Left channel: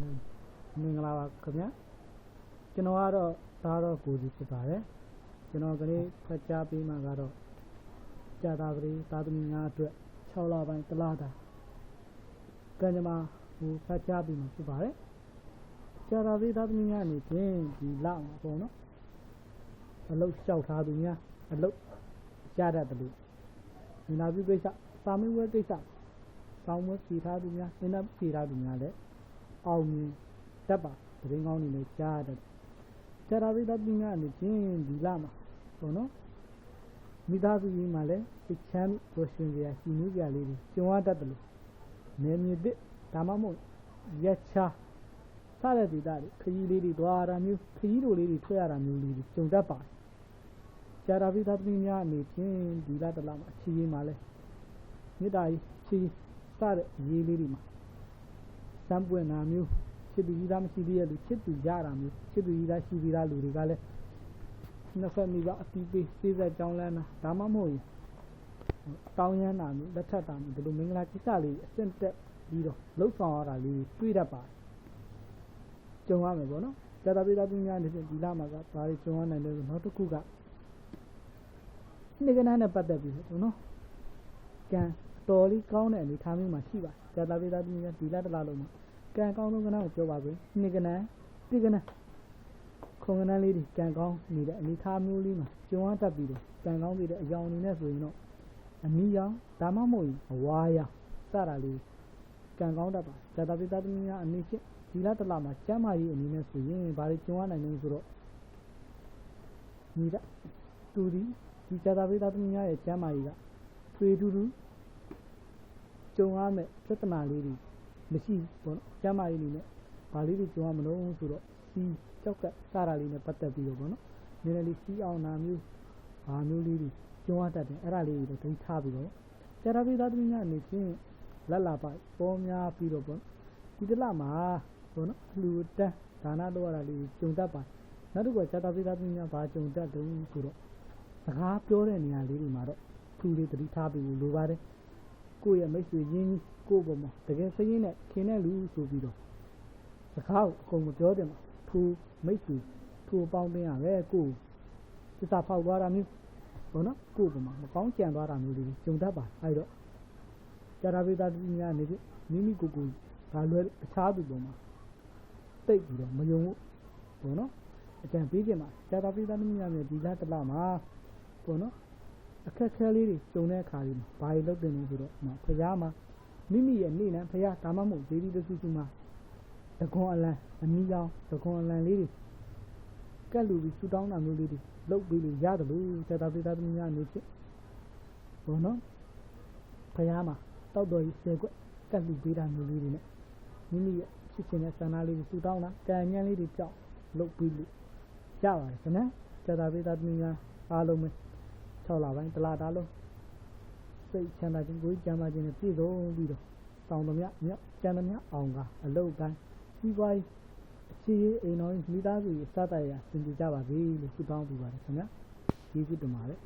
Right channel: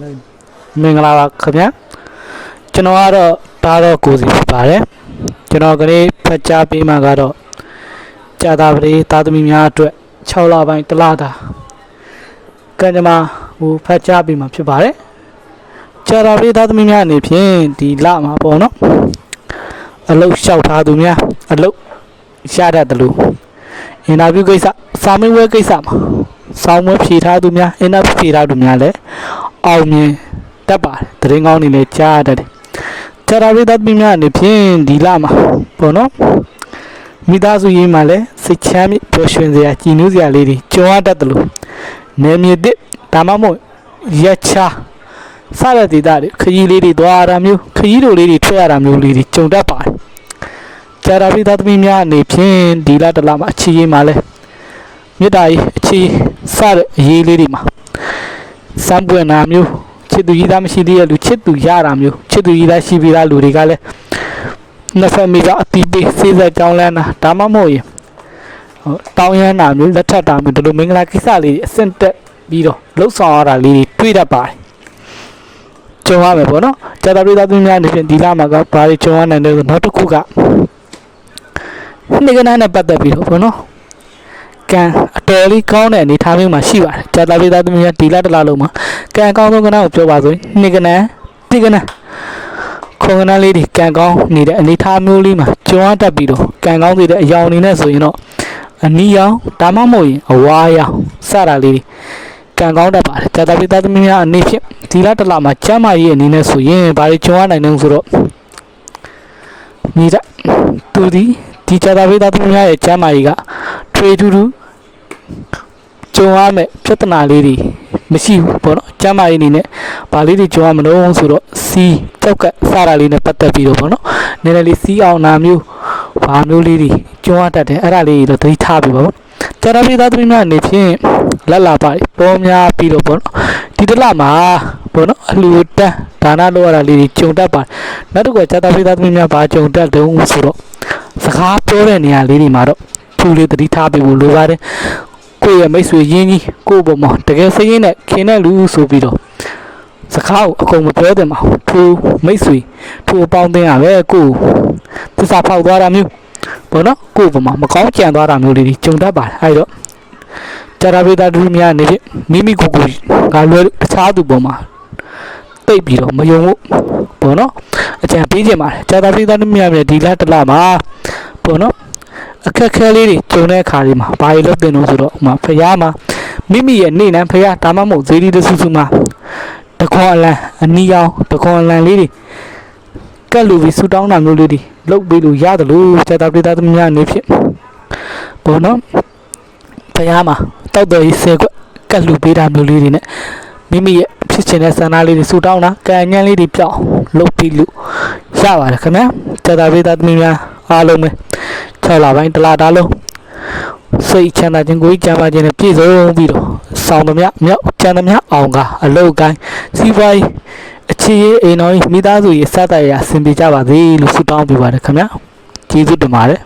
မင်္ဂလာပါခင်ဗျာကျွန်တော်ကတော့ဒါတော့ကိုစီဖြစ်ပါတယ်ကျွန်တော်ကလေးဖတ်ကြားပေးမှာကတော့ကြာတာပရိသားသမီးများအတွက်6လပိုင်းတစ်လတာကံကြမ္မာဟိုဖတ်ကြားပေးမှာဖြစ်ပါတယ်ကြာတာပရိသားသမီးများအနေဖြင့်ဒီလမှာပေါ့နော်အလုတ်လျှောက်ထားသူများအလုတ်ရတတ်တယ်လို့အင်တာဗျူးကိစ္စစာမေးပွဲကိစ္စမှာဆောင်းမွေးဖြေထားသူများအင်တာဗျူးဖြေထားသူများလည်း အောင်မြင်တတ်ပါတယ်သတင်းကောင်းတွေလည်းကြားရတတ်တယ်။ကြာတာရိသတ်ပြည်များအနေဖြင့်ဒီလမှာပေါ့နော်မိသားစုရေးမှာလည်းစိတ်ချမ်းမြေ့ပျော်ရွှင်စရာကြည်နူးစရာလေးတွေကြုံရတတ်တယ်လို့နေမြေတစ်ဒါမှမဟုတ်ရက်ချာစတဲ့ဒေသတွေခရီးလေးတွေသွားရတာမျိုးခရီးတို့လေးတွေထွက်ရတာမျိုးလေးတွေကြုံတတ်ပါတယ်။ကြာတာရိသတ်ပြည်များအနေဖြင့်ဒီလတစ်လမှာအခြေရေးမှာလည်းမြေတားကြီးအခြေစတဲ့အရေးလေးတွေမှာ စမ်းပွင့်တာမျိုးချစ်သူကြီးသားမရှိသေးတဲ့လူချစ်သူရတာမျိုးချစ်သူကြီးသားရှိပြီးသားလူတွေကလည်းနှစ်ဖက်မိကအတီးပေးစေးစက်ကြောင်းလန်းတာဒါမှမဟုတ်ရင်ဟိုတောင်းရမ်းတာမျိုးလက်ထပ်တာမျိုးဒီလိုမင်္ဂလာကိစ္စလေးတွေအဆင့်တက်ပြီးတော့လှုပ်ဆောင်ရတာလေးတွေတွေ့တတ်ပါတယ်ကြုံရမယ်ပေါ့နော်ကြာတာပြည်သားသူများအနေဖြင့်ဒီလမှာကဘာတွေကြုံရနိုင်လဲဆိုနောက်တစ်ခုကနေ့ကနေ့နဲ့ပတ်သက်ပြီးတော့ပေါ့နော် ကံအတော်လေးကောင်းတဲ့အနေထားမျိုးမှာရှိပါတယ်ကြာတာပြည်သားသမီးများဒီလတစ်လလုံးမှာကံအကောင်းဆုံးကဏ္ဍကိုပြောပါဆိုရင်နှစ်ကဏ္ဍတိကဏ္ဍခုံကဏ္ဍလေးတွေကံကောင်းနေတဲ့အနေထားမျိုးလေးမှာကျွမ်းတတ်ပြီးတော့ကံကောင်းစေတဲ့အယောင်အနေနဲ့ဆိုရင်တော့အနီရောင်ဒါမှမဟုတ်ရင်အဝါရောင်စတာလေးတွေကံကောင်းတတ်ပါတယ်ကြာတာပြည်သားသမီးများအနေဖြင့်ဒီလတစ်လမှာကျမ်းမာရေးအနေနဲ့ဆိုရင်ဘာတွေကျွမ်းနိုင်လဲဆိုတော့မိတဲ့သူဒီဒီကြာတာပြည်သားသမီးများရဲ့ကျမ်းမာရေးက ထွေထူးထူးကြုံရမယ်ပြဿနာလေးတွေမရှိဘူးပေါ့နော်ကျမ်းမာရေးအနေနဲ့ဗာလေးတွေကြုံရမလို့ဆိုတော့စီးကြောက်ကစတာလေးနဲ့ပတ်သက်ပြီးတော့ပေါ့နော်နည်းနည်းလေးစီးအောင်နာမျိုးဘာမျိုးလေးတွေကြုံရတတ်တယ်အဲ့ဒါလေးတွေတော့သတိထားပြီးပါပေါ့ကြာတာပြည်သားသမီးများအနေဖြင့်လက်လာပါပေါ်များပြီးတော့ပေါ့နော်ဒီတစ်လမှာပေါ့နော်အလှူတန်းဒါနလုပ်ရတာလေးတွေကြုံတတ်ပါတယ်နောက်တစ်ခုကကြာတာပြည်သားသမီးများဘာကြုံတတ်တုံးဆိုတော့စကားပြောတဲ့နေရာလေးတွေမှာတော့ ထူလေးတတိထားပေးဖို့လိုပါတယ်ကိုယ့်ရဲ့မိတ်ဆွေရင်းကြီးကိုယ့်ဘုံမှာတကယ်စိတ်ရင်းနဲ့ခင်တဲ့လူဆိုပြီးတော့စကားကိုအကုန်မပြောတင်ပါဘူးထူမိတ်ဆွေထူအပေါင်းတင်ရပဲကိုယ်သစ္စာဖောက်သွားတာမျိုးဘောနော်ကိုယ့်ဘုံမှာမကောင်းကြံသွားတာမျိုးလေးတွေကြုံတတ်ပါတယ်အဲဒီတော့ကြာရပေတာဒုများနေဖြင့်မိမိကိုယ်ကိုယ်ကလွယ်တခြားသူပုံမှာတိတ်ပြီးတော့မယုံဘူးဘောနော်အကြံပေးခြင်းပါတယ်ကြာတာပေတာဒုများမြဒီလားတစ်လမှာဘောနော် အခက်ခဲလေးတွေကြုံတဲ့အခါလေးမှာဘာတွေလုပ်တင်လို့ဆိုတော့ဥမာဖရားမှာမိမိရဲ့နေနံဖရားဒါမှမဟုတ်ဇေဒီတဆူဆူမှာတခွန်အလံအနီရောင်တခွန်အလံလေးတွေကက်လူပြီးဆူတောင်းတာမျိုးလေးတွေလုပ်ပြီးလို့ရတယ်လို့စက်တာပြည်သားသမီးများအနေဖြင့်ဘောနော်ဖရားမှာတောက်တော်ကြီးဆယ်ခွက်ကက်လူပေးတာမျိုးလေးတွေနဲ့မိမိရဲ့ဖြစ်ချင်တဲ့ဆန္ဒလေးတွေဆူတောင်းတာကံညံလေးတွေပြောင်းလုပ်ပြီးလို့ရပါတယ်ခင်ဗျာစက်တာပြည်သားသမီးများအားလုံးပဲ 6လပိုင်းတစ်လတားလုံးစိတ်ချမ်းသာခြင်းကိုယ်ကျမ်းမာခြင်းနဲ့ပြည့်စုံပြီးတော့ဆောင်းသမျှမြောက်ချမ်းသမျှအောင်ကအလုတ်ကိုင်းစီးပွားရေးအခြေရေးအိမ်တော်ကြီးမိသားစုရေးစတဲ့ရအဆင်ပြေကြပါစေလို့ဆုတောင်းပေးပါတယ်ခင်ဗျာကျေးဇူးတင်ပါတယ်